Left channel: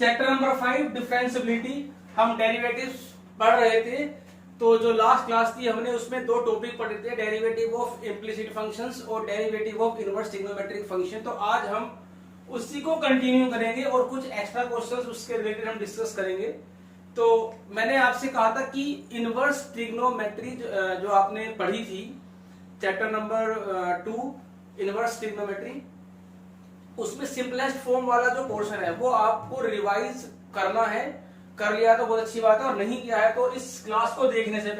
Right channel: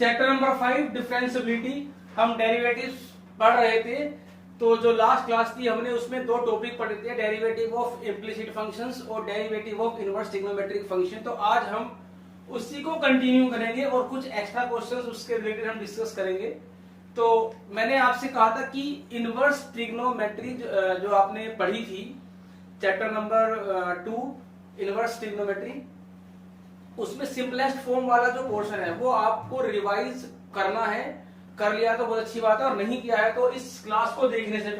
Chapter number 5 differentiability. हम derivatives पढ़ रहे थे, तो जो लास्ट क्लास थी हमने उसमें दो टॉपिक पढ़े थे, डेरिवेटिव ऑफ इम्प्लिसिट फंक्शंस और derivative of inverse trigonometric function. तो आज हम उसी को कंटिन्यू करेंगे और कुछ एक्स्ट्रा क्वेश्चंस उसके रिलेटेड हम डिस्कस करेंगे। तो मैंने आपसे कहा था कि इनवर्स ट्रिग्नोमेट्री जो आपने पढ़ी थी चैप्टर नंबर 2 इनवर्स ट्रिग्नोमेट्री, उसमें सिंपलेस्ट फॉर्म वाला जो पोर्शन है वो आपको रिवाइज करना है। कर लिया तो बहुत अच्छी बात है, और नहीं किया है तो इस क्लास को देखने से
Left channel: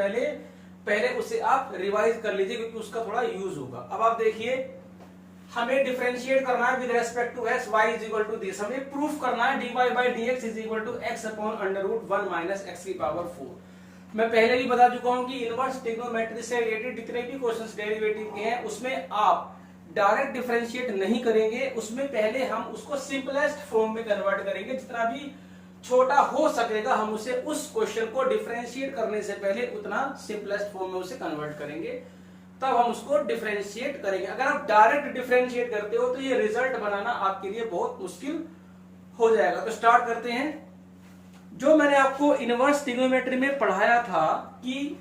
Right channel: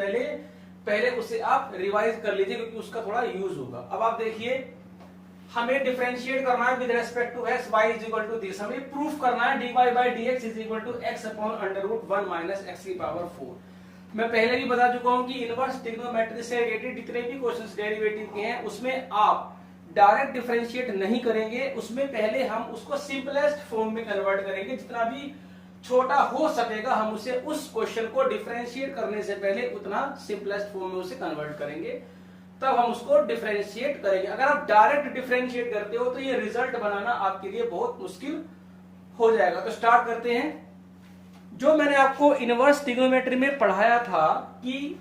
पहले उसे आप रिवाइज कर लीजिए, क्योंकि उसका थोड़ा यूज होगा। अब आप देखिए, हमें डिफरेंशिएट करना है with respect to x, y is equal to this. हमें प्रूफ करना है dy by dx is equal to x upon under root 1 minus x की पावर 4। मैं पहले भी बता चुका हूं कि इनवर्स ट्रिग्नोमेट्री से रिलेटेड जितने भी क्वेश्चंस डेरिवेटिव के हैं उसमें आप डायरेक्ट डिफरेंशिएट नहीं करेंगे, उसमें पहले हम उसको सिंपलेस्ट फॉर्म में कन्वर्ट करेंगे। जितना भी छोटा हो सकेगा हम उसे उस क्वेश्चन को डिफरेंशिएट करने से पहले उतना सिंपलेस्ट फॉर्म में उसे कन्वर्ट करेंगे, तब हम उसको डिफरेंशिएट करेंगे। अगर आप डायरेक्ट डिफरेंशिएट करते हो तो ये रिजल्ट बनाना आपके लिए बहुत मुश्किल हो जाएगा। तो स्टार्ट करते हैं। जो मैंने आपको इनवर्स ट्रिग्नोमेट्री में पढ़ाया था कि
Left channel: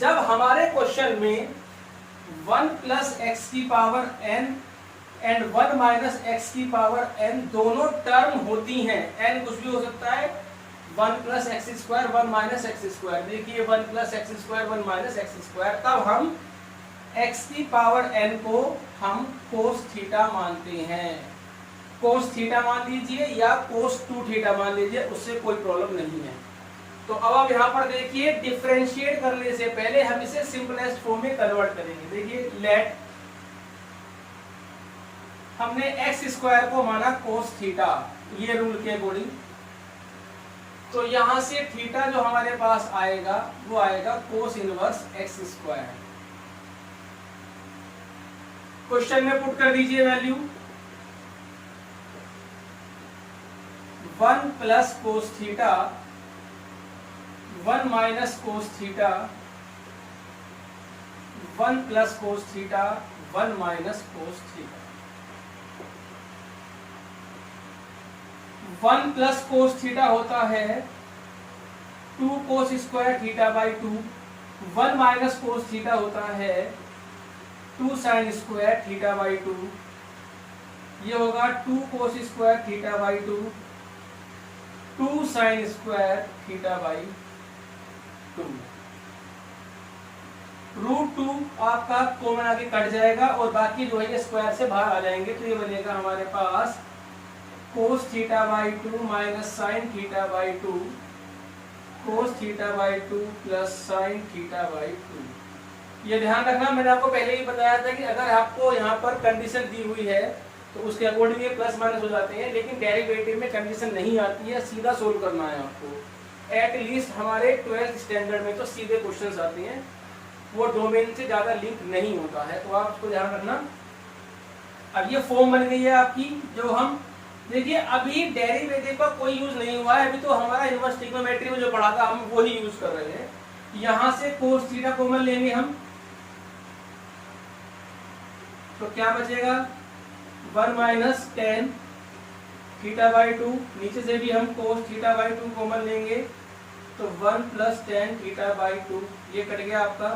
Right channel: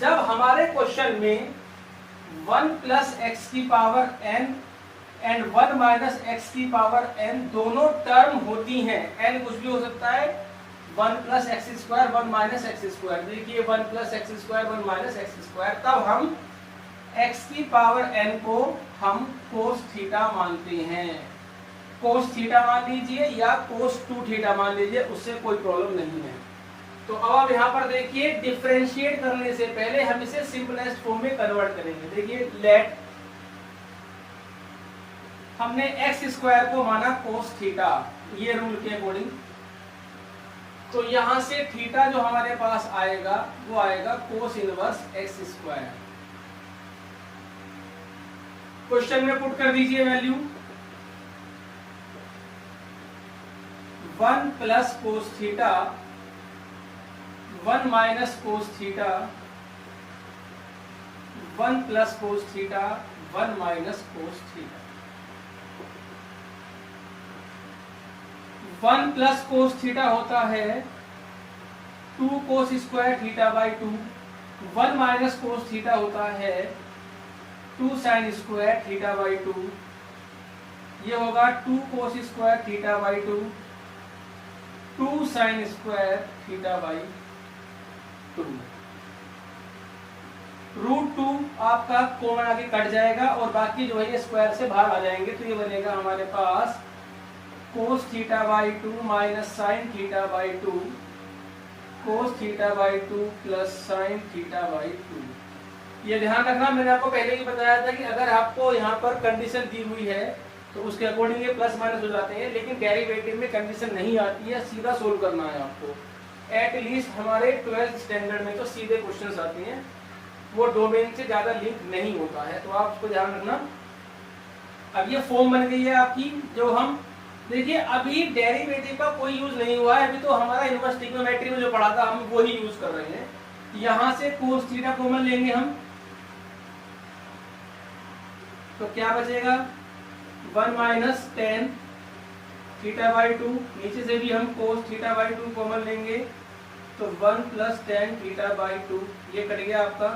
जब हमारे क्वेश्चन में 1 प्लस एक्स की power n and 1 minus x की पावर n दोनों टर्म होती हैं, n कुछ भी हो सकता है, 1 plus x square 1 minus x square, देखिए 1 plus x square 1 minus x square, तब हम x की पावर n को हम कोस थीटा मानते हैं। कोस थीटा मान लीजिए या कोस 2 थीटा मान लीजिए, उससे कोई प्रॉब्लम नहीं है। तो अब आप यहां पर देखिए, डिफरेंशिएट करने से पहले हम इसे सिंपलेस्ट फॉर्म में कन्वर्ट करेंगे। देखिए, लेट हमने एक्स स्क्वायर को माना कोस थीटा, ये रूल के अकॉर्डिंग, तो यहां से थीटा जो हमारे पास आएगा वो आएगा कोस इनवर्स एक्स स्क्वायर। क्वेश्चन में पुट कर दीजिए value 1 plus cos theta 1 minus cos theta 1 plus cos theta 1 minus cos theta. 1 plus cos theta होता है 2 cos square theta by 2, 1 minus cos theta होता है 2 साइन स्क्वायर थीटा बाई 2, ये होगा 2 cos square theta by 2, 2 sine square theta by 2। Root 2 आपका common आगे cut जाएगा और बाकी जो है ये स्क्वायर से बाहर आ जाएंगे, तो ये बनेगा हमारे पास cos theta by 2 minus sine theta by 2, cos theta by 2 plus sine theta by 2। ये ध्यान रखना, मैंने आपको पहले भी बताया था कि अगर आपको यहाँ पर कंडीशन दी हुई है तो उसके अकॉर्डिंग ये प्लस माइनस हो जाते हैं, लेकिन डेरिवेटिव में कंडीशन नहीं आती है, सीधा सोल्व करना है आपको। एटलीस्ट हमारे 12th स्टैंडर्ड में तो सीधे क्वेश्चंस आते हैं, वो डोमेन से ज्यादा लिंक नहीं होता है, तो आप उसको ध्यान रखना। अब ये फॉर्म बन गई है आपकी, जो हम देखिए अभी डेरिवेटिव का कोई यूज नहीं हुआ है, अभी तो हमारा इनवर्स ट्रिग्नोमेट्री में जो पढ़ा था हम वही यूज कर रहे हैं। यहां से कोस थीटा कॉमन लेंगे हम, तो क्या बचेगा 1 माइनस टेन थीटा बाई 2, नीचे से भी हम कोस थीटा बाई 2 कॉमन लेंगे, तो 1 प्लस टेन थीटा बाई 2, ये कट गया आपका।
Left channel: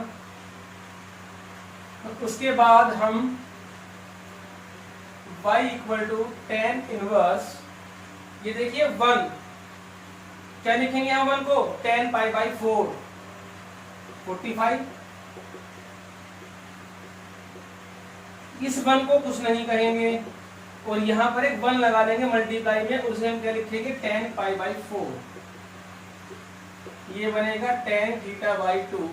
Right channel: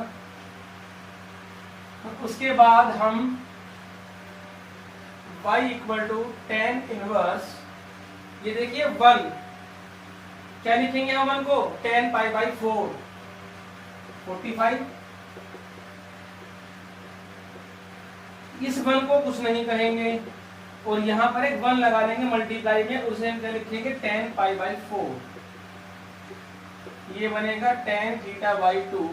उसके बाद हम y equal to tan inverse, ये देखिए 1, क्या लिखेंगे हम 1 को 10 पाई बाई 4 45। इस 1 को कुछ नहीं कहेंगे और यहां पर एक 1 लगा देंगे मल्टीप्लाई में, उसे हम क्या लिखेंगे 10 पाई बाई 4, ये बनेगा 10 theta by 2।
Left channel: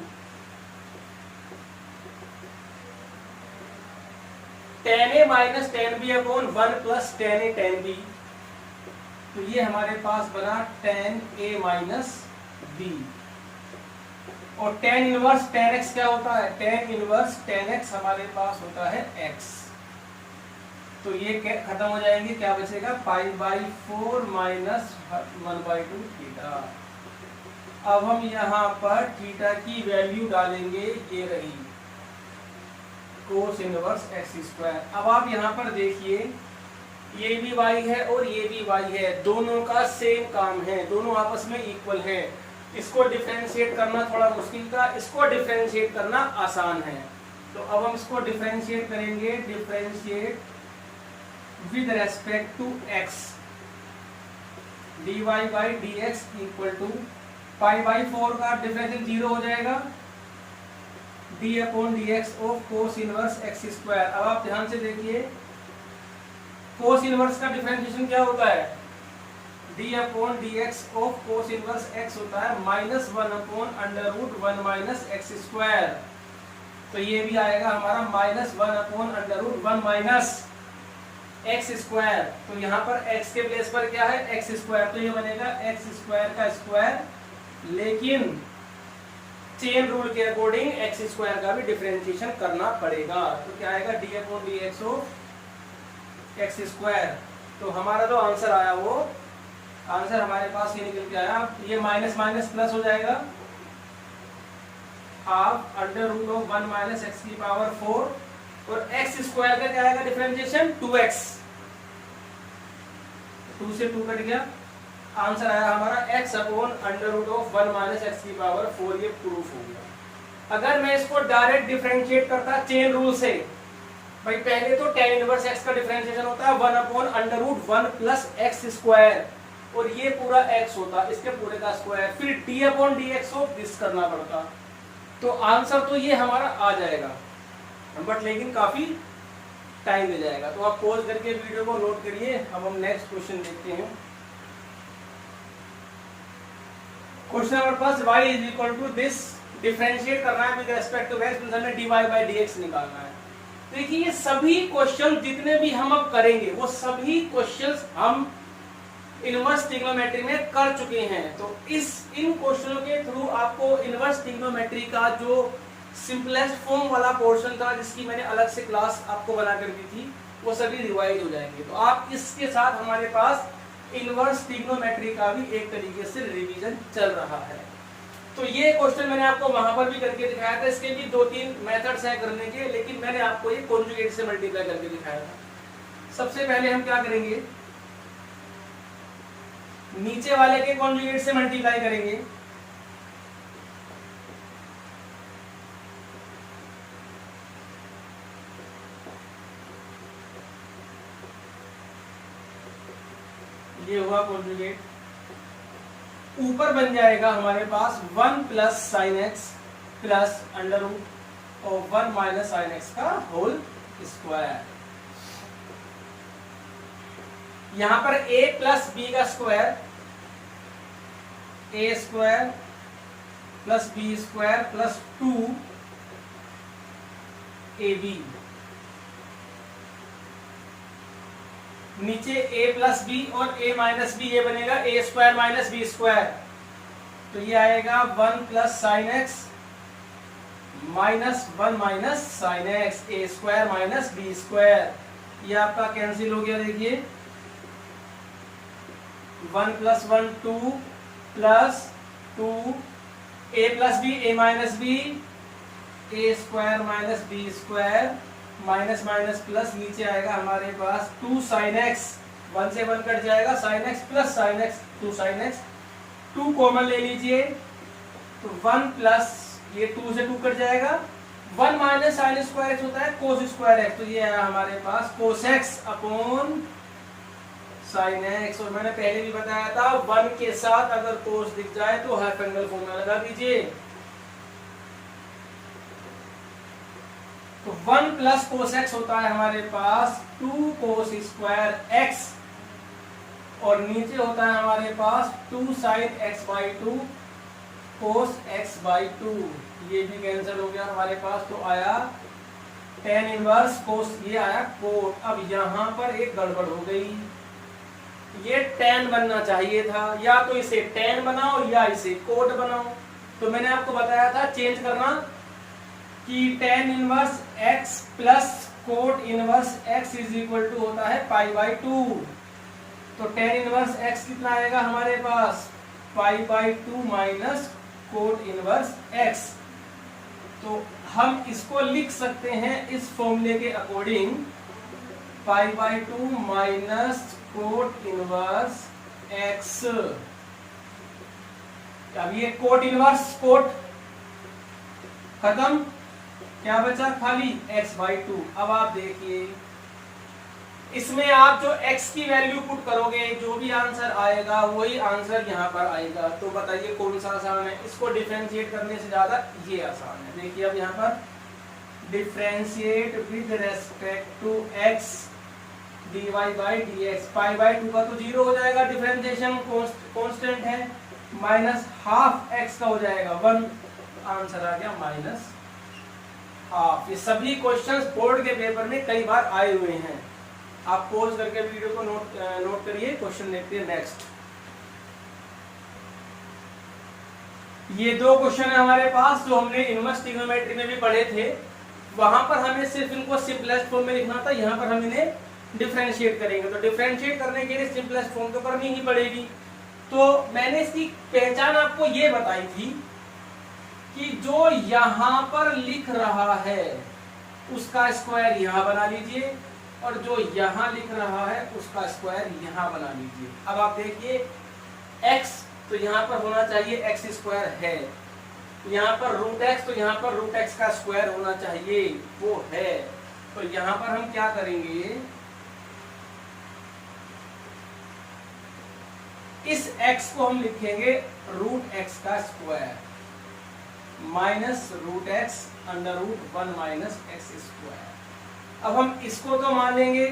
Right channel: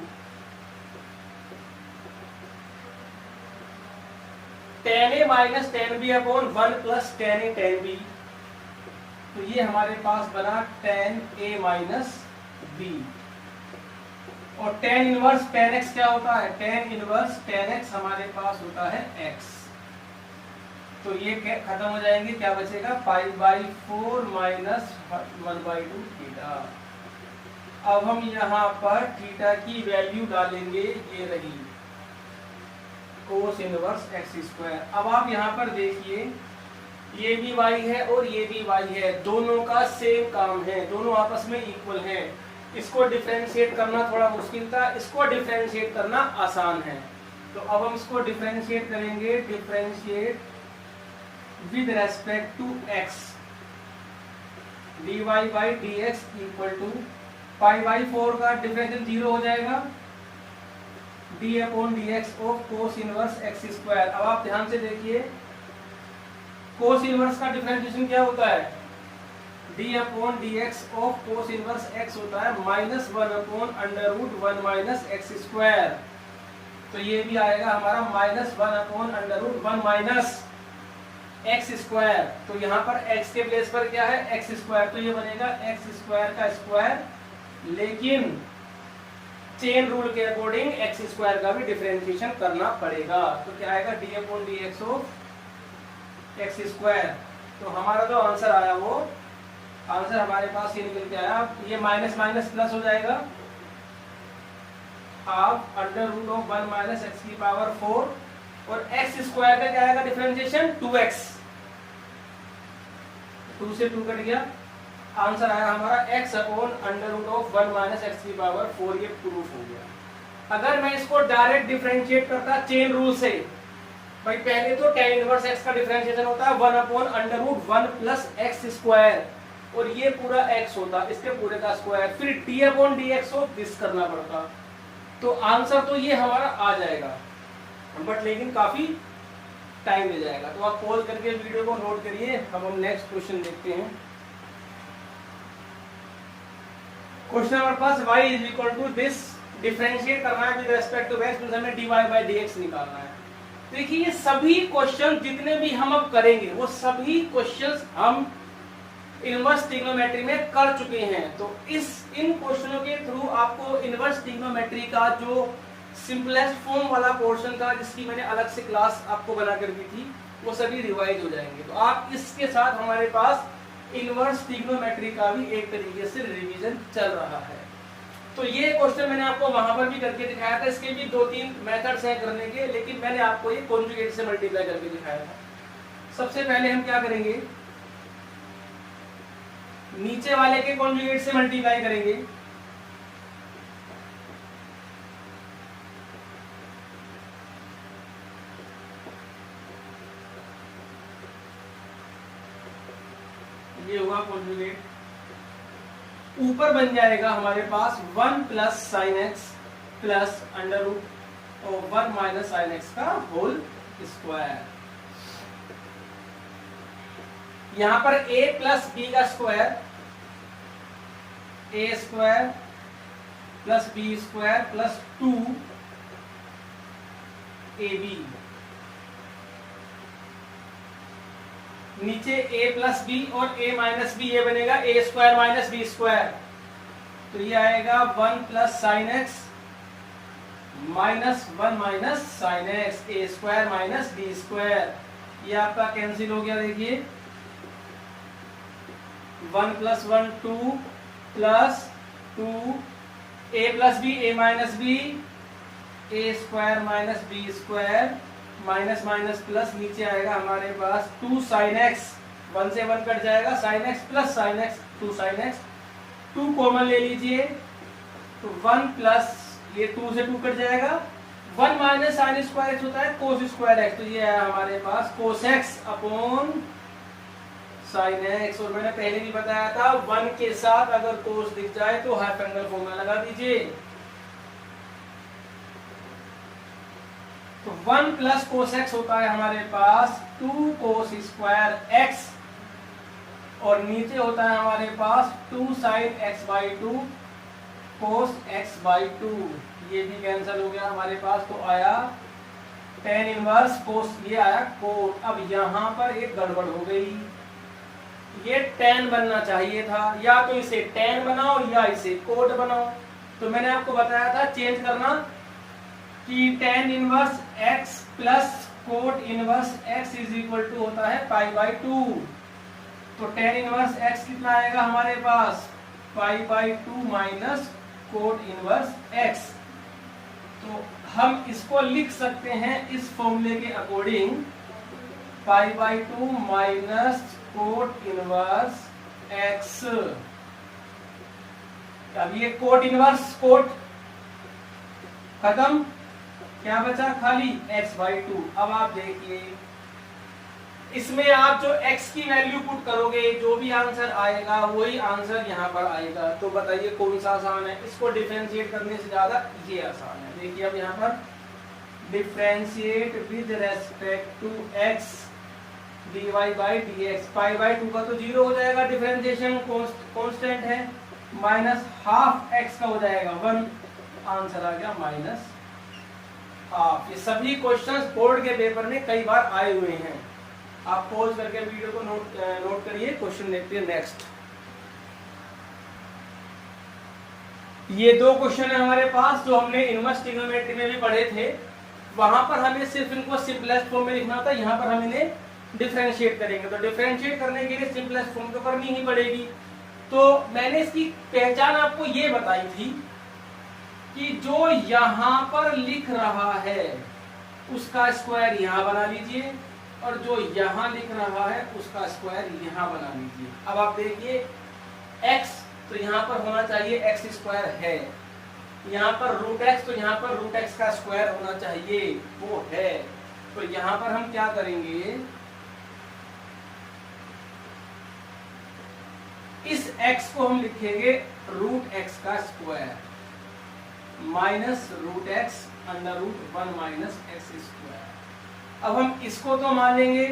10a minus 10b upon 1 plus 10a 10b, तो ये हमारे पास बना 10a माइनस b। और 10 इनवर्स 10x क्या होता है, 10 इनवर्स 10x हमारे पास होता है x, तो ये खत्म हो जाएंगे, क्या बचेगा 5 बाई 4 माइनस 1 बाई 2 थीटा। अब हम यहाँ पर थीटा की वैल्यू डालेंगे, ये रही कोस इनवर्स एक्स स्क्वायर। अब आप यहाँ पर देखिए ये भी y है और ये भी y है, दोनों का सेम काम है, दोनों आपस में इक्वल है। इसको डिफरेंशिएट करना थोड़ा मुश्किल था, इसको डिफरेंशिएट करना आसान है। तो अब हम इसको डिफरेंशिएट करेंगे, differentiate with respect to x, dy by d x equal to pi by 4 का डिफरेंशियल 0 हो जाएगा, d upon d x of cos inverse x square. अब आप ध्यान से देखिए, कोस इनवर्स का डिफरेंशिएशन क्या होता है, d upon d x of cos inverse x होता है minus 1 upon under root 1 minus x square. तो ये भी आएगा हमारा minus 1 upon under root 1 minus x square. तो यहाँ पर x के प्लेस पर क्या है, एक्स स्क्वायर, तो ये बनेगा एक्स स्क्वायर का स्क्वायर, लेकिन चेन रूल के अकॉर्डिंग एक्स स्क्वायर का भी डिफरेंशिएशन करना पड़ेगा। तो क्या आएगा, D upon d x of x square. तो हमारा जो आंसर आया वो आंसर हमारे पास ये निकल के आया, ये माइनस माइनस प्लस हो जाएगा, half under root of 1 minus x की पावर 4, और एक्स स्क्वायर का क्या आएगा डिफरेंशिएशन, 2x, 2 से 2 कट गया, आंसर आया हमारा x upon under root of 1 minus x की पावर 4। ये प्रूफ हो गया। अगर मैं इसको डायरेक्ट डिफरेंशिएट करता चेन रूल से, भाई पहले तो tan इनवर्स x का डिफरेंशिएशन होता है 1 upon under root 1 plus x square, और ये पूरा x होता, इसके पूरे का स्क्वायर, फिर d upon d x of this करना पड़ता। तो आंसर तो ये हमारा आ जाएगा, बट लेकिन काफी टाइम ले जाएगा। तो आप पॉज करके वीडियो को नोट करिए। अब हम नेक्स्ट क्वेश्चन देखते हैं। क्वेश्चन नंबर पास y is equal to this, differentiate करना है विद रिस्पेक्ट टू x, हमें dy बाई dx निकालना है। देखिए ये सभी क्वेश्चन जितने भी हम अब करेंगे वो सभी क्वेश्चंस हम इनवर्स ट्रिग्नोमेट्री में कर चुके हैं। तो इन क्वेश्चनों के थ्रू आपको इनवर्स ट्रिग्नोमेट्री का जो सिंपलेस्ट फॉर्म वाला पोर्शन था, जिसकी मैंने अलग से क्लास आपको बना कर दी थी, वो सभी रिवाइज हो जाएंगे। तो आप इसके साथ हमारे पास इनवर्स ट्रिग्नोमेट्री का भी एक तरीके से रिवीजन चल रहा है। तो ये क्वेश्चन मैंने आपको वहां पर भी करके दिखाया था, इसके भी 2-3 मेथड्स है करने के, लेकिन मैंने आपको ये कॉन्जुगेट से मल्टीप्लाई करके दिखाया था। सबसे पहले हम क्या करेंगे, नीचे वाले के कॉन्जुगेट से मल्टीप्लाई करेंगे। ये हुआ कॉन्जुगेट, ऊपर बन जाएगा हमारे पास 1 plus sine x plus under root और 1 माइनस साइन एक्स का होल स्क्वायर। यहां पर a प्लस बी का square, a square plus b square plus 2ab, नीचे a प्लस बी और a माइनस बी, ये बनेगा a square minus b square. तो ये आएगा 1 plus sine x minus 1 minus sine x, a square minus b square. ये आपका cancel हो गया। देखिए 1 plus 1 2 plus 2 a plus b a minus b, a square minus b square, minus minus plus, नीचे आएगा हमारे पास 2 साइन एक्स, 1 से 1 cut जाएगा, sign x plus sine x 2 sine x, 2 common ले लीजिए तो 1 प्लस ये 2 से 2 कट जाएगा, 1 माइनस साइन स्क्वायर एक्स होता है कोस स्क्वायर एक्स। तो ये आया हमारे पास cos X upon sine X. और मैंने पहले भी बताया था 1 के साथ अगर कोस दिख जाए तो हाफ एंगल फॉर्मूला लगा दीजिए। तो 1 प्लस कोस एक्स होता है हमारे पास 2 कोस स्क्वायर एक्स, और नीचे होता है हमारे पास 2 sine x by 2 cos x by 2। ये भी कैंसिल हो गया हमारे पास। तो आया tan इनवर्स कोस, ये आया कोट। अब यहां पर एक गड़बड़ हो गई, ये tan बनना चाहिए था, या तो इसे tan बनाओ या इसे कोट बनाओ। तो मैंने आपको बताया था चेंज करना कि tan inverse x plus cot inverse x is equal to होता है पाई बाई 2। तो tan इनवर्स x कितना आएगा हमारे पास, pi by 2 minus cot inverse x। तो हम इसको लिख सकते हैं इस फॉर्मूले के according, π/2 minus cot inverse x। अब ये कोट इनवर्स कोट खत्म, क्या बचा खाली x/2। अब आप देखिए इसमें आप जो x की वैल्यू पुट करोगे जो भी आंसर आएगा वही आंसर यहाँ पर आएगा। तो बताइए कौन सा आसान है? इसको डिफरेंशिएट करने से ज्यादा ये आसान है। देखिए अब यहाँ पर differentiate with respect to x dy by dx, π/2 का तो 0 हो जाएगा, डिफरेंशिएशन कांस्टेंट है, माइनस हाफ x का हो जाएगा 1, आंसर आ गया माइनस हाफ। ये सभी क्वेश्चंस बोर्ड के पेपर में कई बार आए हुए हैं। आप पॉज करके वीडियो को नोट करिए। क्वेश्चन देखिए नेक्स्ट। ये दो क्वेश्चन है हमारे पास जो हमने इनवर्स ट्रिग्नोमेट्री में भी पढ़े थे। वहां पर हमें सिर्फ इनको सिंपलेस्ट फॉर्म में लिखना था, यहाँ पर हम इन्हें डिफरेंशिएट करेंगे। तो डिफरेंशिएट करने के लिए सिंपलेस्ट फॉर्म तो करनी ही पड़ेगी। तो मैंने इसकी पहचान आपको ये बताई थी कि जो यहां पर लिख रहा है उसका स्क्वायर यहां बना लीजिए और जो यहां लिख रहा है उसका स्क्वायर यहां बना लीजिए। अब आप देखिए x तो यहां पर होना चाहिए x² है, यहां पर √x तो यहां पर √x का स्क्वायर होना चाहिए, वो है। तो यहां पर हम क्या करेंगे, इस x को हम लिखेंगे √x का square minus √x √1 minus x²। अब हम इसको तो मान लेंगे,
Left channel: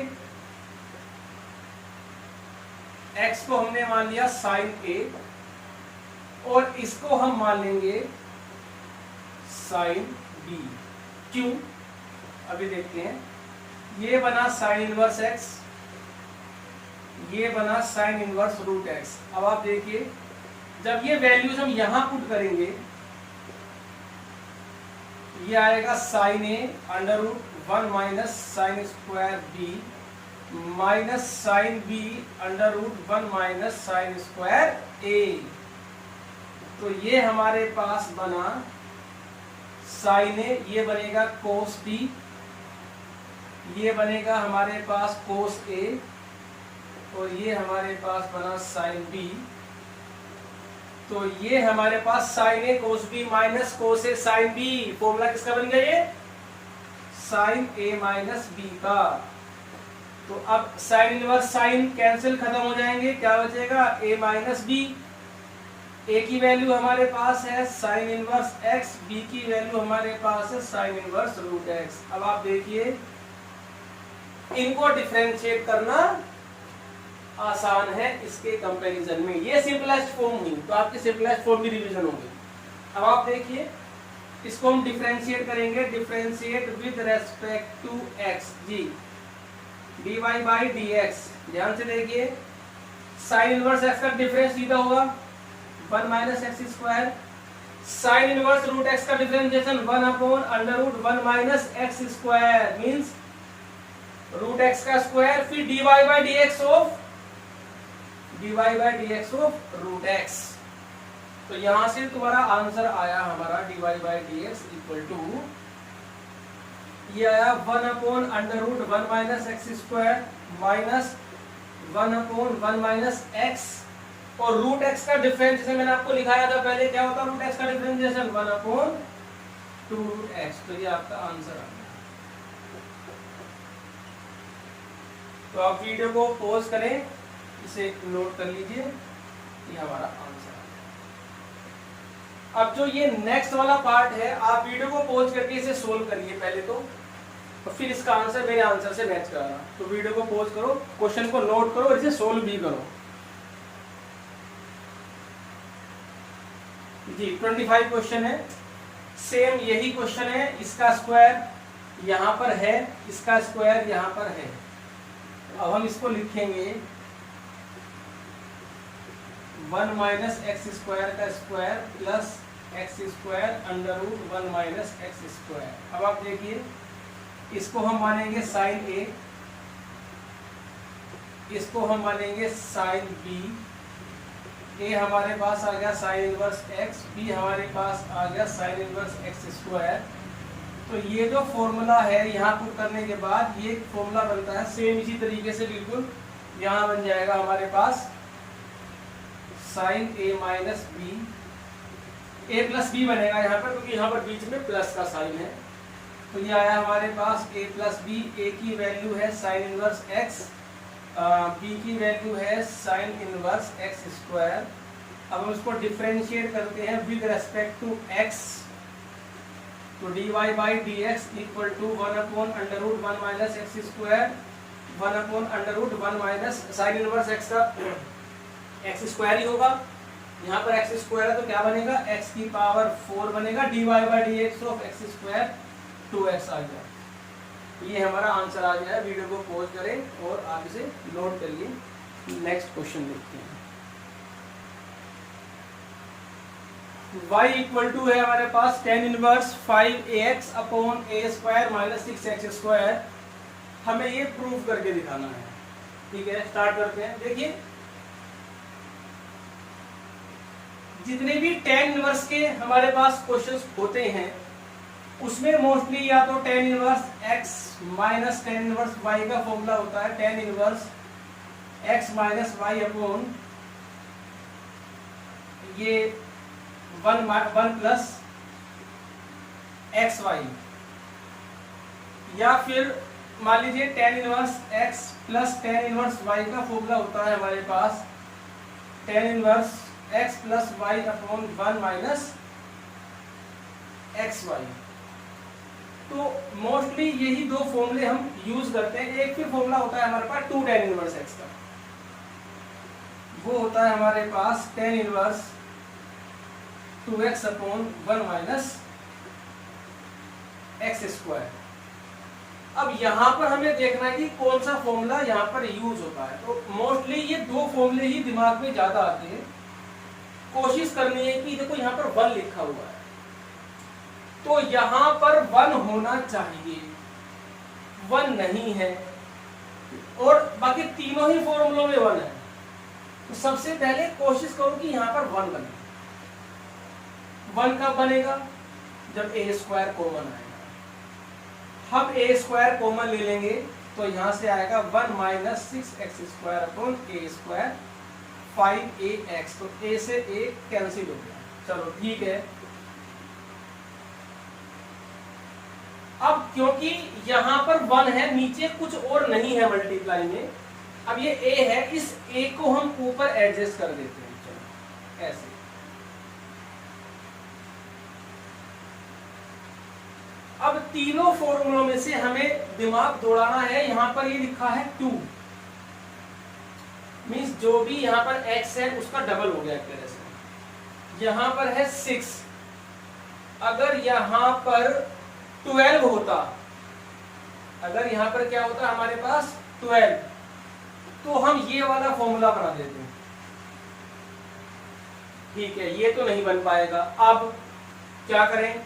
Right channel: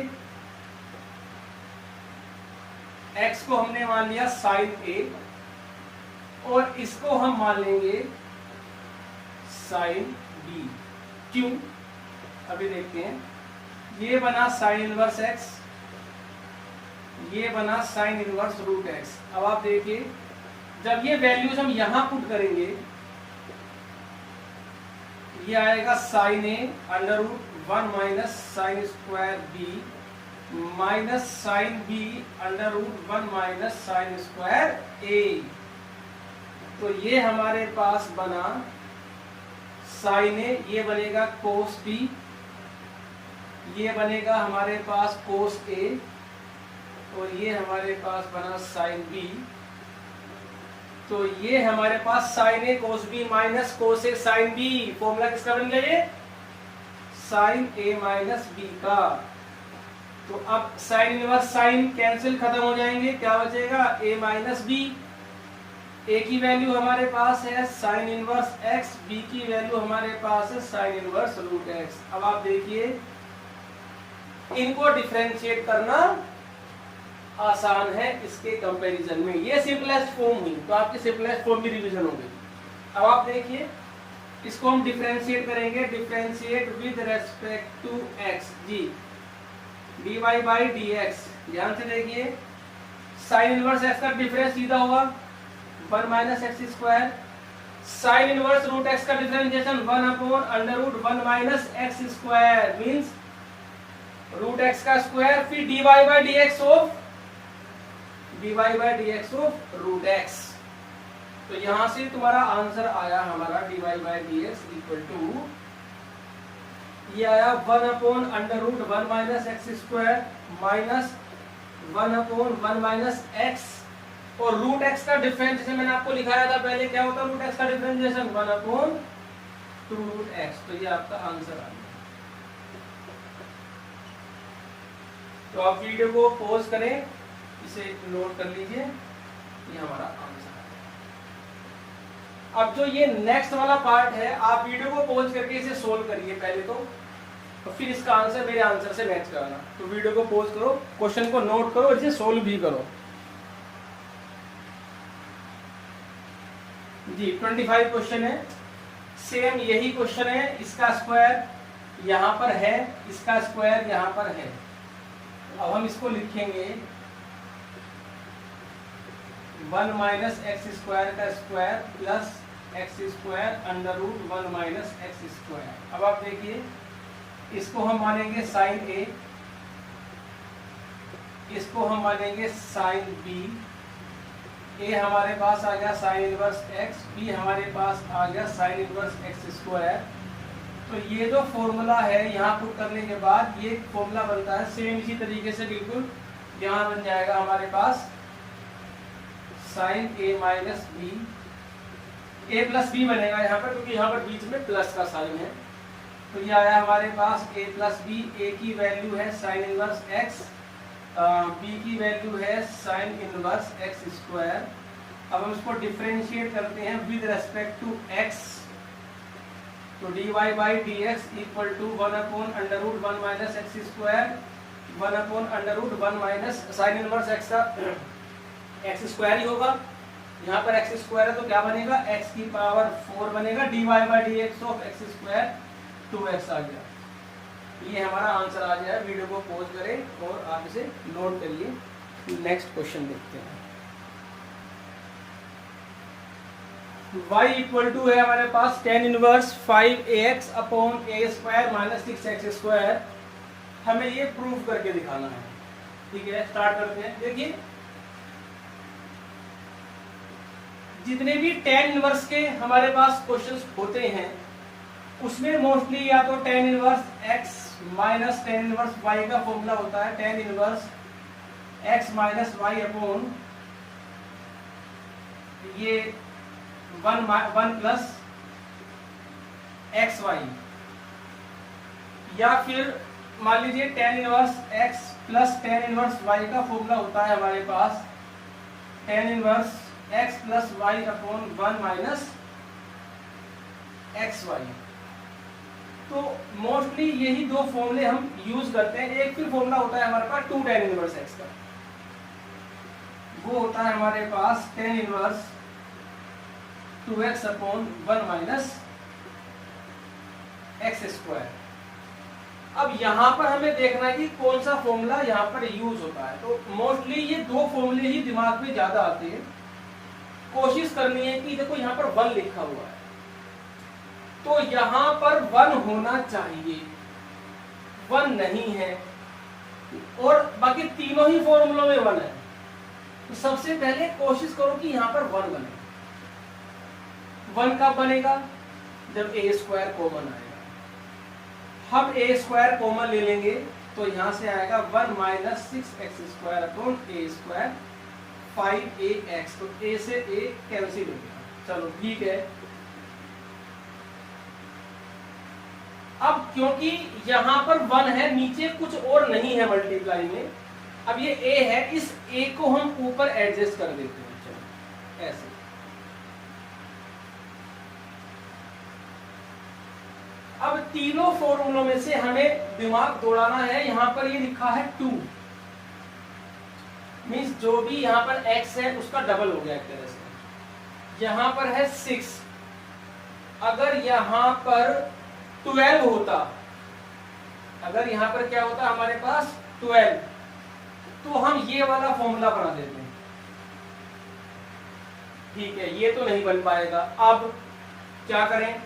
x को हमने मान लिया sin a और इसको हम मान लेंगे sin b। क्यों? अभी देखते हैं। ये बना sin इनवर्स x, ये बना sin इनवर्स √x। अब आप देखिए जब ये वैल्यूज हम यहां पुट करेंगे ये आएगा sin a √1 minus sin² b minus sin b √1 minus sin² a। तो ये हमारे पास बना sin a, ये बनेगा cos b, ये बनेगा हमारे पास cos a और ये हमारे पास बना sin b। तो ये हमारे पास sin a cos b minus cos a sin b। Formula किसका बन गया ये? sin a माइनस b का। तो अब sin इनवर्स sin कैंसिल खत्म हो जाएंगे, क्या बचेगा a माइनस b। a की वैल्यू हमारे पास है sin इनवर्स x, b की वैल्यू हमारे पास है sin इनवर्स √x। अब आप देखिए इनको डिफरेंशिएट करना आसान है इसके कंपैरिजन में। ये सिंपलेस्ट फॉर्म हुई तो आपकी सिंपलेस्ट फॉर्म भी रिवीजन होगी। अब आप देखिए इसको हम डिफरेंशिएट करेंगे, differentiate with respect to x जी dy बाई dx। ध्यान से देखिए sin इनवर्स x का डिफरेंस सीधा होगा 1 minus x², sin inverse √x का differentiation 1/√1 minus x² means √x का स्क्वायर फिर dy by dx of √x। तो यहां से तुम्हारा आंसर आया हमारा dy by dx equal to ये आया 1/√1 minus x² minus 1/1 minus x और √x का डिफरेंशिएशन मैंने आपको लिखाया था पहले, क्या होता है √x का डिफरेंशिएशन 1/2x। तो ये आपका आंसर आ गया। तो आप वीडियो को पॉज करें, इसे नोट कर लीजिए, ये हमारा आंसर है। अब जो ये नेक्स्ट वाला पार्ट है आप वीडियो को पॉज करके इसे सोल्व करिए पहले तो, और फिर इसका आंसर मेरे आंसर से मैच कराना। तो वीडियो को पॉज करो, क्वेश्चन को नोट करो और इसे सोल्व भी करो जी। 25 क्वेश्चन है, सेम यही क्वेश्चन है, इसका स्क्वायर यहाँ पर है, इसका स्क्वायर यहाँ पर है। अब हम इसको लिखेंगे 1 माइनस x² का square plus x² √1 minus x²। अब आप देखिए इसको हम मानेंगे sin a, इसको हम मानेंगे sin b। a हमारे पास आ गया sin इनवर्स x, b हमारे पास आ गया sin इनवर्स x²। तो ये जो फॉर्मूला है यहाँ पुट करने के बाद ये फॉर्मूला बनता है सेम इसी तरीके से बिल्कुल। यहाँ बन जाएगा हमारे पास साइन ए माइनस बी, ए प्लस बी बनेगा यहाँ पर, क्योंकि यहाँ पर बीच में प्लस का साइन है। तो ये आया हमारे पास ए प्लस बी। ए की वैल्यू है साइन इनवर्स एक्स, बी की वैल्यू है साइन इनवर्स एक्स स्क्वायर। अब हम इसको डिफरेंशिएट करते हैं विद रेस्पेक्ट टू एक्स। तो dy by d x equal to 1/√1 minus x square, 1/√1 minus sine inverse x का एक्स स्क्वायर ही होगा। यहाँ पर एक्स स्क्वायर है तो क्या बनेगा, एक्स की पावर 4 बनेगा। dy by d x of x square 2x आ गया। ये हमारा आंसर आ गया है। वीडियो को पॉज करें और आप इसे नोट करिए। नेक्स्ट क्वेश्चन देखते हैं। y इक्वल टू है हमारे पास tan inverse 5ax upon a square minus 6x square. हमें ये प्रूव करके दिखाना है। ठीक है, स्टार्ट करते हैं। देखिए जितने भी tan इनवर्स के हमारे पास क्वेश्चंस होते हैं उसमें मोस्टली या तो tan inverse x minus tan inverse y का फॉर्मूला होता है tan inverse x minus y upon ये 1 प्लस एक्स वाई, या फिर मान लीजिए tan inverse x plus tan inverse y का फॉर्मूला होता है हमारे पास tan inverse x plus y upon 1 minus x y. तो मोस्टली यही दो फॉर्मूले हम यूज करते हैं। एक फिर फॉर्मूला होता है हमारे पास 2 tan इनवर्स x का, वो होता है हमारे पास tan inverse 2x upon 1 minus x square. अब यहां पर हमें देखना है कि कौन सा फॉर्मूला यहां पर यूज होता है। तो मोस्टली ये दो फॉर्मूले ही दिमाग में ज्यादा आते हैं। कोशिश करनी है कि देखो यहां पर 1 लिखा हुआ है तो यहां पर 1 होना चाहिए, 1 नहीं है, और बाकी तीनों ही फॉर्मूलों में 1 है। तो सबसे पहले कोशिश करो कि यहां पर 1 बने। 1 कब बनेगा, जब ए स्क्वायर कॉमन आएगा। हम ए स्क्वायर कॉमन ले लेंगे तो यहां से आएगा 1 माइनस 6x स्क्वायर अपॉन ए स्क्वायर 5ax। तो ए से ए कैंसिल हो गया। चलो ठीक है। अब क्योंकि यहां पर 1 है, नीचे कुछ और नहीं है मल्टीप्लाई में, अब ये a है, इस a को हम ऊपर एडजस्ट कर देते हैं। चलो ऐसे। अब तीनों फॉर्मूलों में से हमें दिमाग दौड़ाना है। यहां पर ये लिखा है 2, मींस जो भी यहां पर x है उसका डबल हो गया एक तरह से। यहां पर है 6, अगर यहां पर 12 होता, अगर यहां पर क्या होता हमारे पास 12, तो हम ये वाला फॉर्मूला बना देते हैं। ठीक है, ये तो नहीं बन पाएगा। अब क्या करें,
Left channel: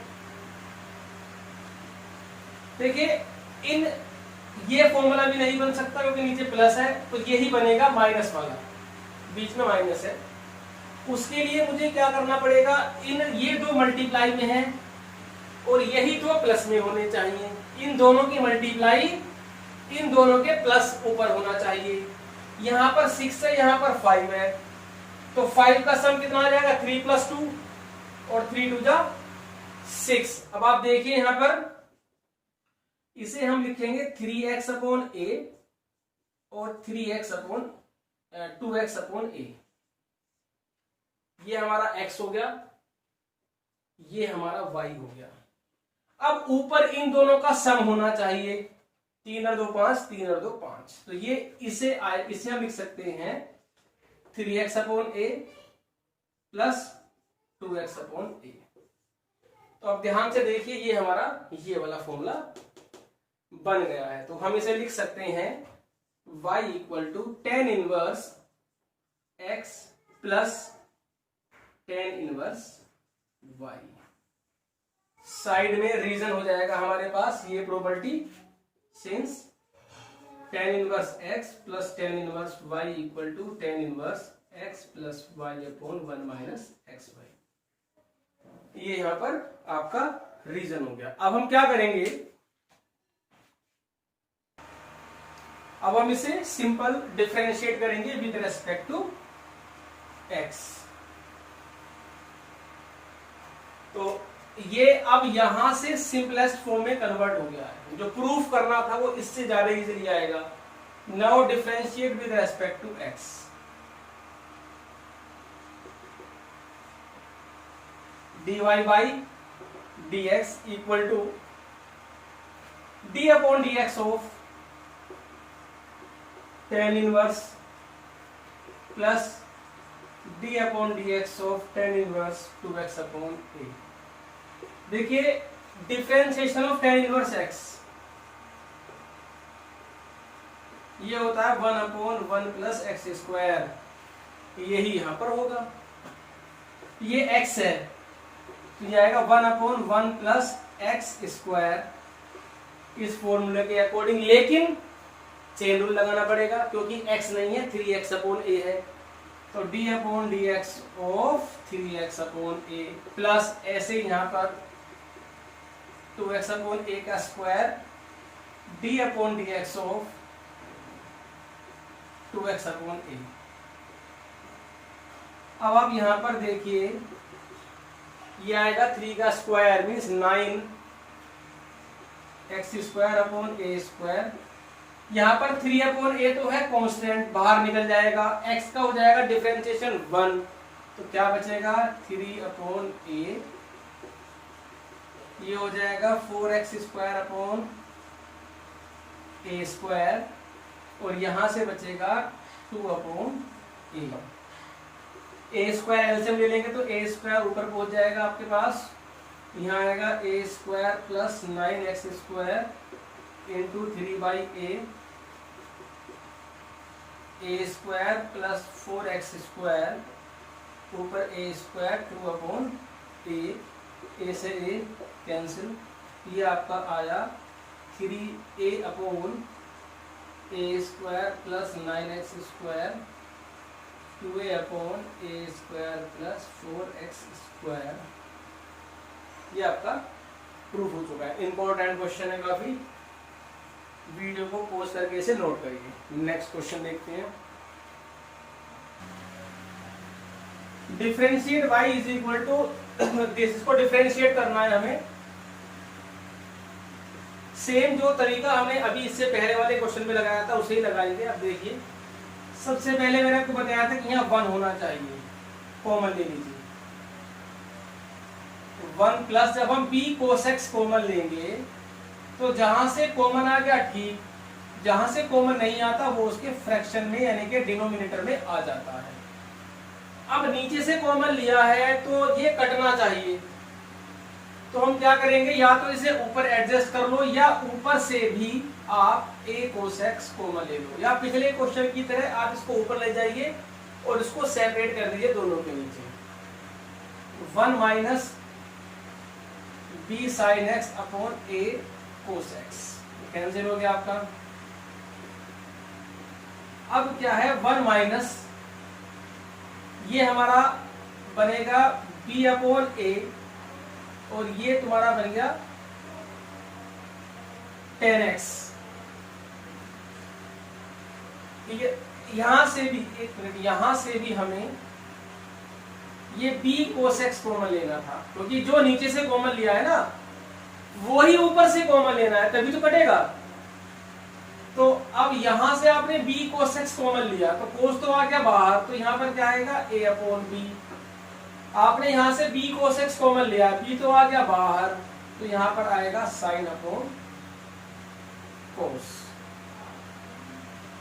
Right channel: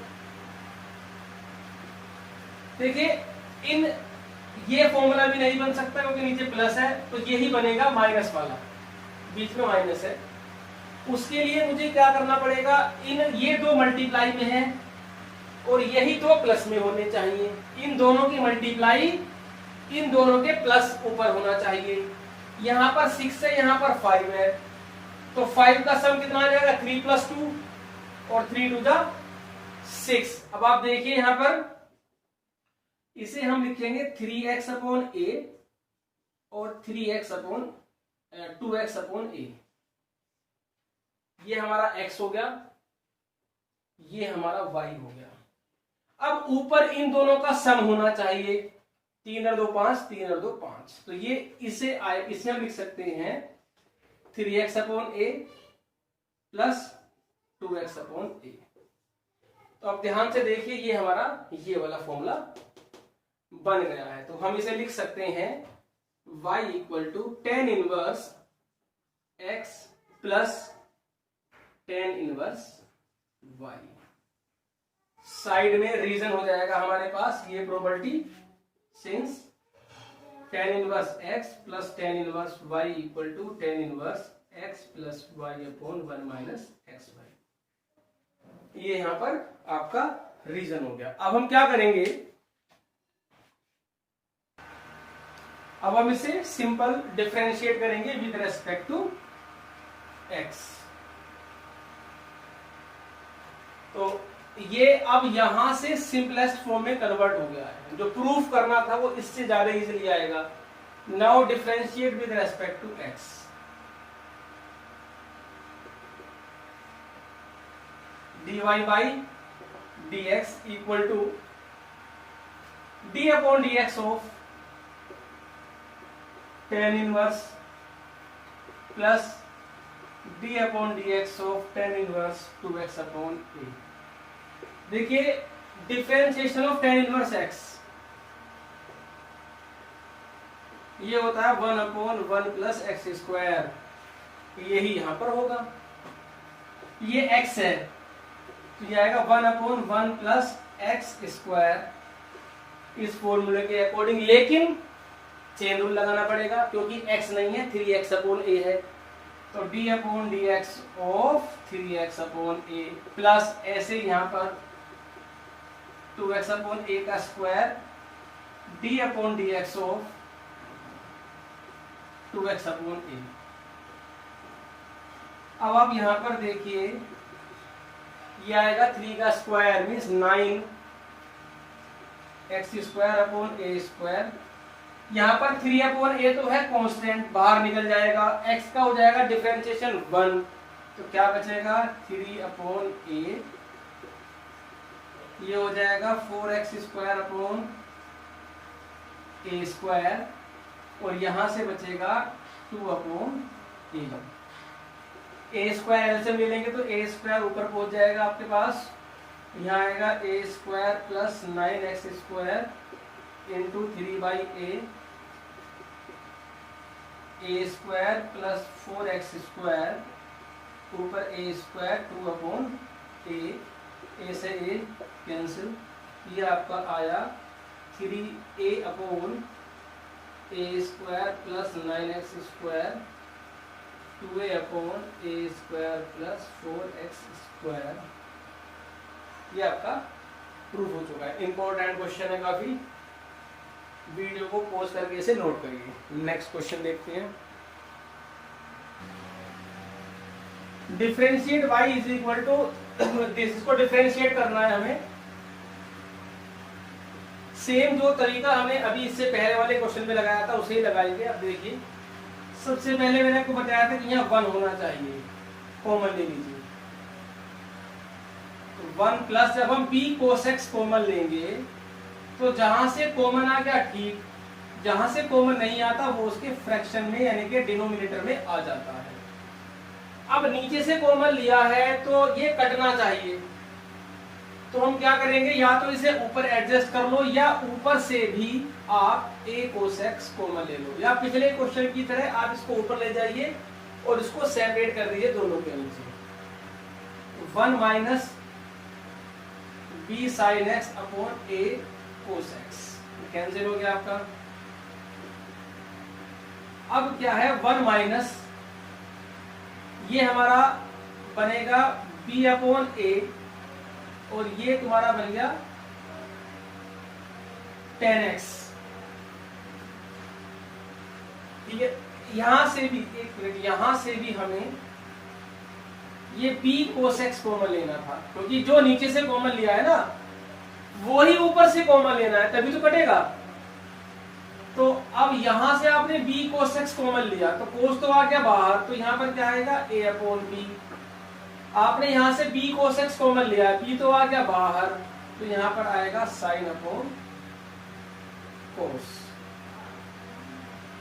देखिए इन ये फॉर्मूला भी नहीं बन सकता क्योंकि नीचे प्लस है, तो यही बनेगा माइनस वाला, बीच में माइनस है। उसके लिए मुझे क्या करना पड़ेगा, इन ये दो मल्टीप्लाई में है और यही दो प्लस में होने चाहिए। इन दोनों की मल्टीप्लाई इन दोनों के प्लस ऊपर होना चाहिए। यहां पर 6 है, यहां पर 5 है, तो 5 का सम कितना आ जाएगा 3 + 2 और 3 × 2 = 6। अब आप देखिए यहां पर इसे हम लिखेंगे 3x अपॉन a और 3x upon 2x upon a। ये हमारा x हो गया, ये हमारा y हो गया। अब ऊपर इन दोनों का सम होना चाहिए, 3 और 2 5, 3 और 2 5। तो ये इसे हम लिख सकते हैं 3x upon a plus 2x upon a। तो अब ध्यान से देखिए ये हमारा ये वाला फॉर्मूला बन गया है। तो हम इसे लिख सकते हैं y equal to tan inverse x plus tan inverse y। Side में रीजन हो जाएगा हमारे पास ये probability, since tan inverse x plus tan inverse y equal to tan inverse x plus y upon 1 minus x y. ये यहां पर आपका रीजन हो गया। अब हम क्या करेंगे, अब हम इसे सिंपल डिफरेंशिएट करेंगे विद रेस्पेक्ट टू एक्स। तो ये अब यहां से सिंपलेस्ट फॉर्म में कन्वर्ट हो गया है। जो प्रूफ करना था वो इससे ज्यादा इजीली आएगा। Now differentiate with respect to x. dy by dx equal to d upon dx of tan inverse plus d upon dx of tan inverse 2x upon a। देखिए differentiation of tan inverse x ये होता है 1 upon 1 plus x square, यही यहां पर होगा। ये x है तो ये आएगा 1 अपॉन 1 प्लस एक्स स्क्वायर इस फॉर्मूले के अकॉर्डिंग, लेकिन चेन रूल लगाना पड़ेगा क्योंकि x नहीं है, 3x अपॉन a है। तो d upon d x of 3x upon a plus ऐसे यहां पर 2x अपॉन a का square d upon d x of 2x upon a। अब आप यहां पर देखिए ये आएगा 3 का square means 9 x square upon a square. यहाँ पर 3 अपॉन a तो है कांस्टेंट, बाहर निकल जाएगा। x का हो जाएगा डिफरेंशिएशन 1, तो क्या बचेगा 3 अपॉन a, ये हो जाएगा 4x square upon a square, और यहां से बचेगा 2 upon a। a square LCM ले लेंगे तो a स्क्वायर ऊपर पहुंच जाएगा आपके पास, यहाँ आएगा a square plus 9x square into 3 by a square plus 4x square ऊपर a स्क्वायर 2 अपॉन a से a कैंसिल, ये आपका आया 3a upon a square plus 9x square 2a upon a square plus 4x square. ये आपका proof हो चुका है। इंपॉर्टेंट क्वेश्चन है काफी, वीडियो को पॉज करके इसे नोट करिए। नेक्स्ट क्वेश्चन देखते हैं। Differentiate y is equal to this, इसको डिफरेंशिएट करना है हमें। सेम जो तरीका हमने अभी इससे पहले वाले क्वेश्चन में लगाया था उसे ही लगाएंगे। अब देखिए सबसे पहले मैंने आपको बताया था कि यहाँ 1 होना चाहिए, कॉमन ले लीजिए 1 प्लस, जब हम p cos x कॉमन लेंगे तो जहां से कॉमन आ गया ठीक, जहां से कॉमन नहीं आता वो उसके फ्रैक्शन में यानी कि डिनोमिनेटर में आ जाता है। अब नीचे से कॉमन लिया है तो ये कटना चाहिए, तो हम क्या करेंगे, या तो इसे ऊपर एडजस्ट कर लो या ऊपर से भी आप a cos x कॉमन ले लो, या पिछले क्वेश्चन की तरह आप इसको ऊपर ले जाइए और इसको सेपरेट कर दीजिए दोनों के नीचे। 1 minus b sin x upon a cos x cancel हो गया आपका। अब क्या है 1 माइनस ये हमारा बनेगा b अपॉन a और ये तुम्हारा बन गया 10x। ठीक है, यहां से भी एक मिनट, यहां से भी हमें ये b cos x कॉमन लेना था, क्योंकि जो नीचे से कॉमन लिया है ना वो ही ऊपर से कॉमन लेना है तभी तो कटेगा। तो अब यहां से आपने b cos x कॉमन लिया तो cos तो आ गया बाहर, तो यहां पर क्या आएगा a अपॉन b। आपने यहां से b cos x कॉमन लिया, b तो आ गया बाहर, तो यहां पर आएगा sin अपॉन cos।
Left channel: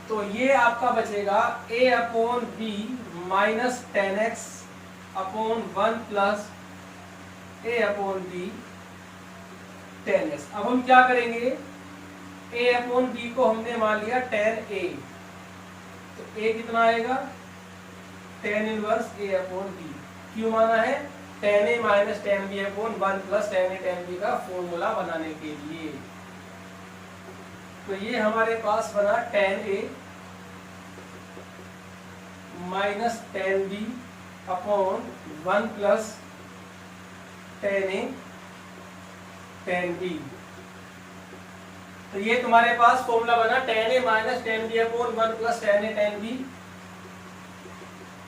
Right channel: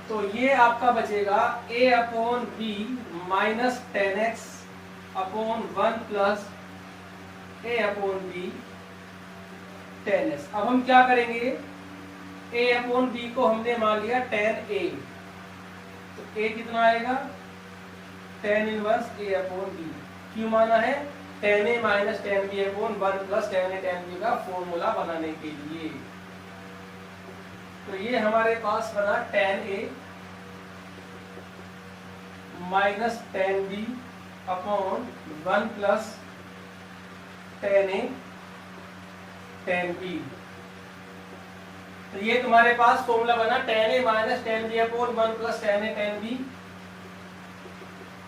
तो ये आपका बचेगा a upon b minus 10x upon 1 plus a upon b 10x। अब हम क्या करेंगे, a अपॉन b को हमने मान लिया 10a, तो a कितना आएगा 10 इनवर्स a अपॉन b। क्यों माना है, 10a minus 10b upon 1 plus 10a 10b का फॉर्मूला बनाने के लिए। तो ये हमारे पास बना 10a minus 10b upon 1 plus 10a tan b। तो ये तुम्हारे पास फॉर्मूला बना tan a minus tan b upon 1 plus tan a tan b,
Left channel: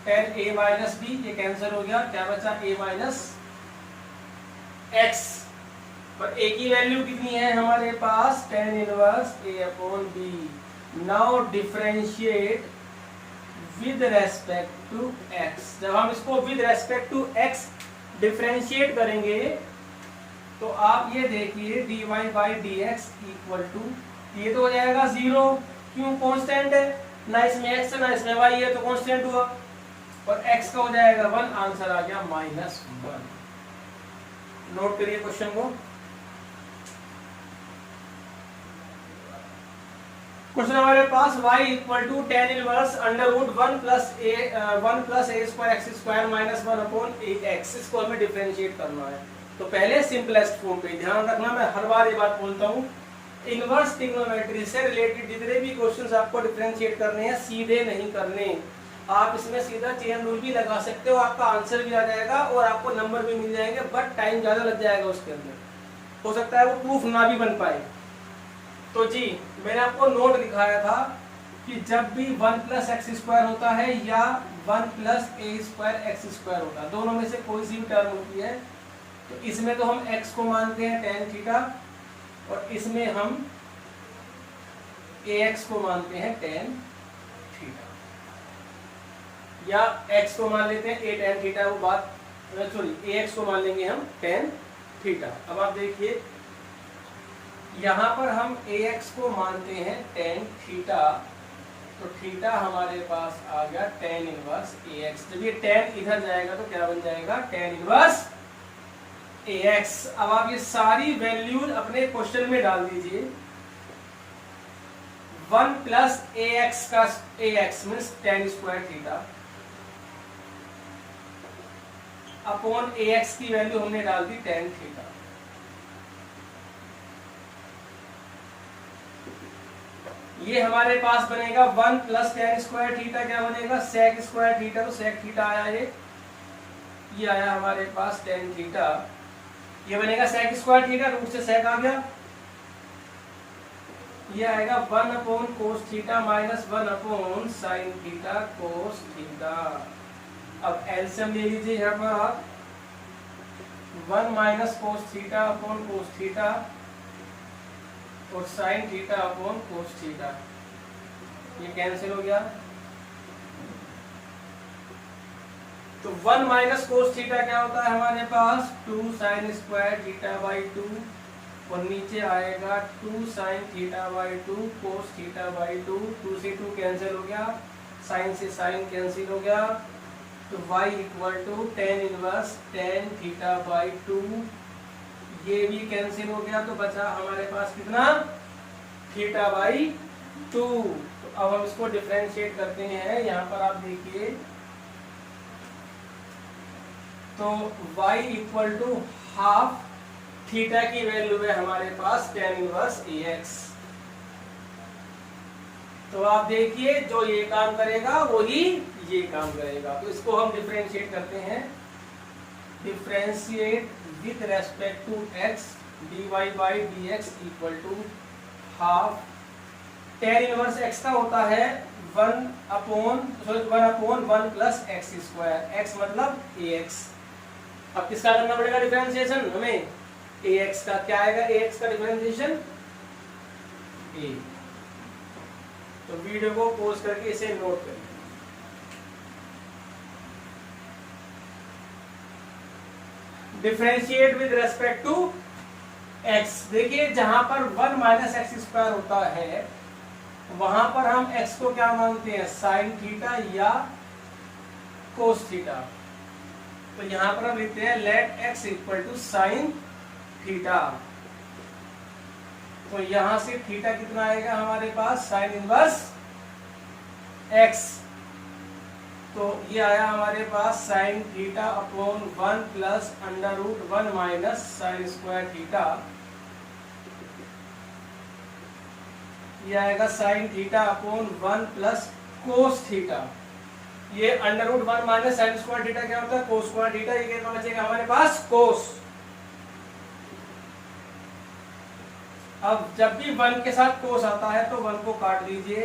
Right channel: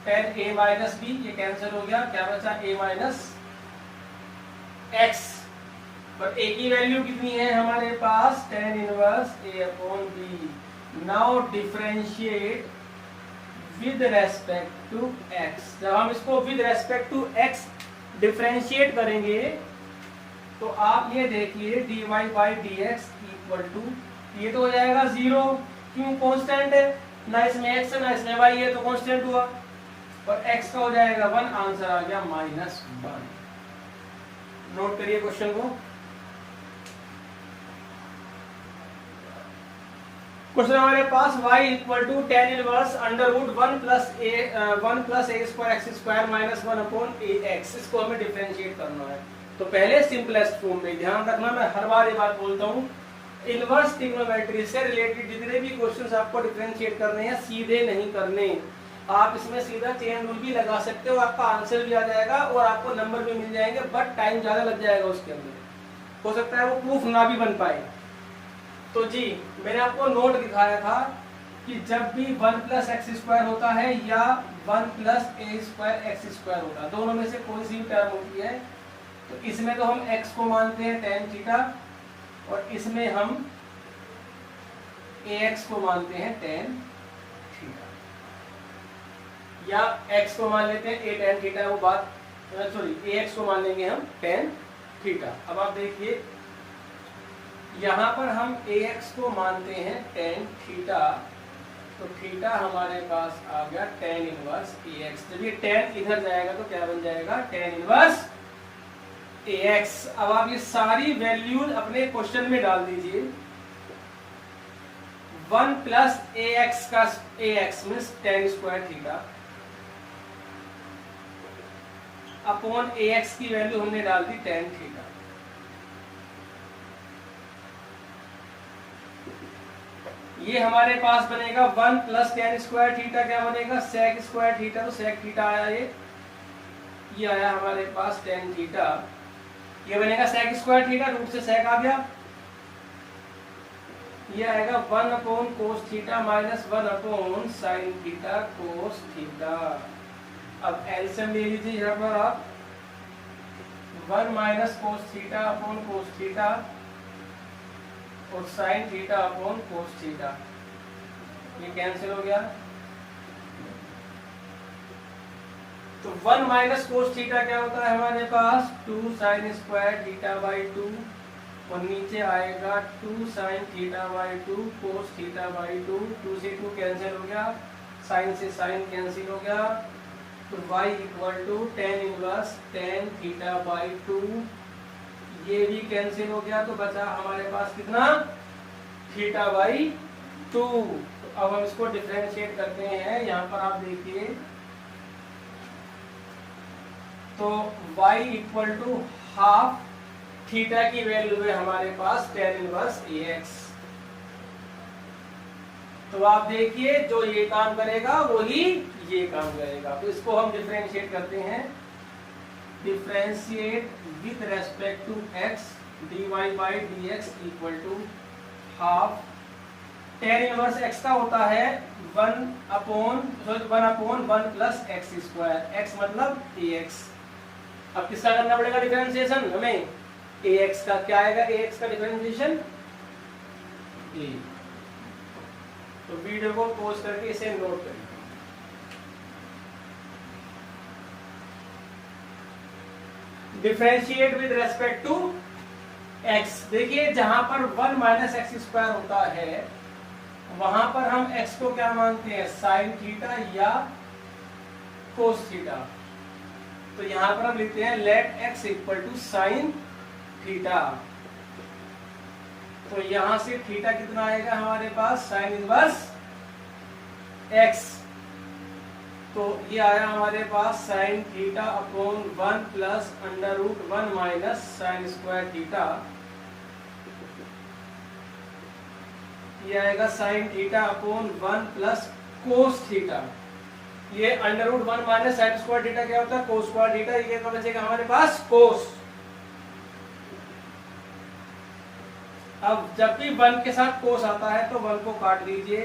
tan a minus b, ये कैंसिल हो गया, क्या बचा a माइनस x। और a की वैल्यू कितनी है हमारे पास, tan inverse a upon b। Now differentiate with respect to x। जब हम इसको with respect to x differentiate करेंगे तो आप ये देखिए dy by d x equal to, ये तो हो जाएगा 0, क्यों, कांस्टेंट है ना, इसमें x है ना इसमें y है, तो कांस्टेंट हुआ, और x का हो जाएगा 1, आंसर आ गया -1। नोट करिए क्वेश्चन को। क्वेश्चन हमारे पास y equal to tan inverse under root 1 plus a square x square minus 1 upon a x, इसको हमें डिफरेंशिएट करना है। तो पहले सिंपलेस्ट फॉर्म में ध्यान रखना, मैं हर बार ये बात बोलता हूँ, इनवर्स ट्रिग्नोमेट्री से रिलेटेड जितने भी क्वेश्चंस आपको डिफरेंशिएट करने हैं सीधे नहीं करने, आप इसमें सीधा चेन रूल भी लगा सकते हो, आपका आंसर भी आ जाएगा और आपको नंबर भी मिल जाएंगे, बट टाइम ज्यादा लग जाएगा उसके अंदर, हो सकता है वो प्रूफ ना भी बन पाए। तो जी मैंने आपको नोट दिखाया था कि जब भी 1 प्लस एक्स स्क्वायर होता है या 1 प्लस ए स्क्वायर एक्स स्क्वायर होता है, दोनों में से कोई सी भी टर्म होती है, तो इसमें तो हम x को मानते हैं tan थीटा और इसमें हम ax को मानते हैं tan थीटा, या x को मान लेते हैं a tan थीटा, वो बात सॉरी ax को मान लेंगे हम tan थीटा। अब आप देखिए यहां पर हम ax को मानते हैं tan थीटा, तो थीटा हमारे पास आ गया tan इनवर्स ax। जब ये tan इधर जाएगा तो क्या बन जाएगा, tan इनवर्स ax। अब आप ये सारी वैल्यूज अपने क्वेश्चन में डाल दीजिए। 1 प्लस ax का ax means tan square theta upon ax की वैल्यू हमने डाल दी tan थीटा। ये हमारे पास बनेगा 1 प्लस tan स्क्वायर थीटा, क्या बनेगा sec स्क्वायर थीटा, तो sec थीटा आया, ये आया हमारे पास tan थीटा, ये बनेगा sec स्क्वायर थीटा, रूट से sec आ गया, ये आएगा 1 upon cos theta minus 1 upon sin theta cos theta. अब एलसीएम ले लीजिए यहाँ पर आप, 1 minus cos theta upon cos theta और sin theta upon cos theta, ये कैंसिल हो गया। तो 1 माइनस cos थीटा क्या होता है हमारे पास, 2 sin स्क्वायर थीटा बाई 2, और नीचे आएगा 2 sin theta by 2 cos theta by 2, 2 से 2 कैंसिल हो गया, sin से sin कैंसिल हो गया, तो y equal to tan inverse tan theta by 2, ये भी कैंसिल हो गया, तो बचा हमारे पास कितना, थीटा बाई 2। तो अब हम इसको डिफरेंशिएट करते हैं, यहाँ पर आप देखिए, तो y equal to half theta की वैल्यू है हमारे पास tan इनवर्स ax। तो आप देखिए जो ये काम करेगा वही ये काम करेगा, तो इसको हम डिफरेंशिएट करते हैं, differentiate with respect to x dy by d x equal to half tan inverse x का होता है 1 upon 1 plus x square, x मतलब ax। अब किसका करना पड़ेगा डिफरेंशिएशन हमें, ax का, क्या आएगा ax का डिफरेंशिएशन a। तो वीडियो को पॉज करके इसे नोट करिए। Differentiate with respect to x, देखिए जहां पर 1 माइनस एक्स स्क्वायर होता है वहां पर हम x को क्या मानते हैं, sin थीटा या cos थीटा, तो यहां पर हम लिखते हैं let x equal to sin theta. तो यहां से थीटा कितना आएगा हमारे पास, sin इनवर्स x, तो ये आया हमारे पास sin theta upon 1 plus under root 1 minus sin square theta, ये आएगा sin theta upon 1 plus cos theta, ये under root 1 minus sin square theta क्या होता है, cos स्क्वायर थीटा, ये कितना बचेगा हमारे पास cos। अब जब भी 1 के साथ कोस आता है तो 1 को काट दीजिए,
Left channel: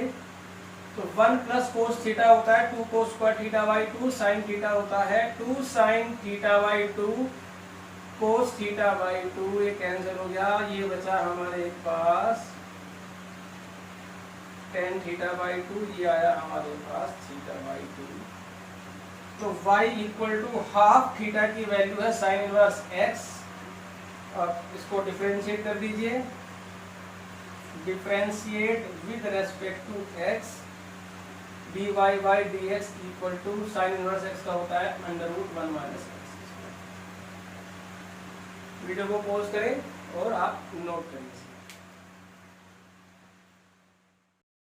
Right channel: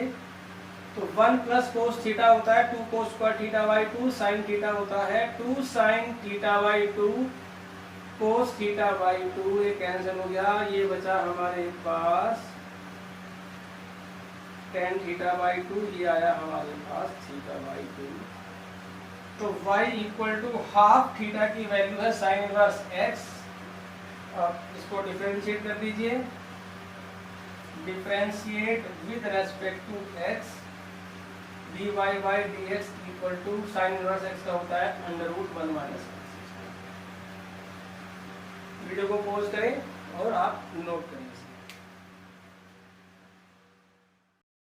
तो 1 प्लस कोस थीटा होता है 2 cos square theta by 2, sine theta होता है 2 sign theta by 2 cos theta by 2, ये कैंसिल हो गया, ये बचा हमारे पास टेन थीटा बाई 2, ये आया हमारे पास थीटा बाई 2। तो y equal to half theta की वैल्यू है साइन इनवर्स x, और इसको डिफरेंशिएट कर दीजिए, differentiate with respect to x, dy by dx equal to sine inverse x का होता है √1 माइनस x। वीडियो को पॉज करें और आप नोट करें।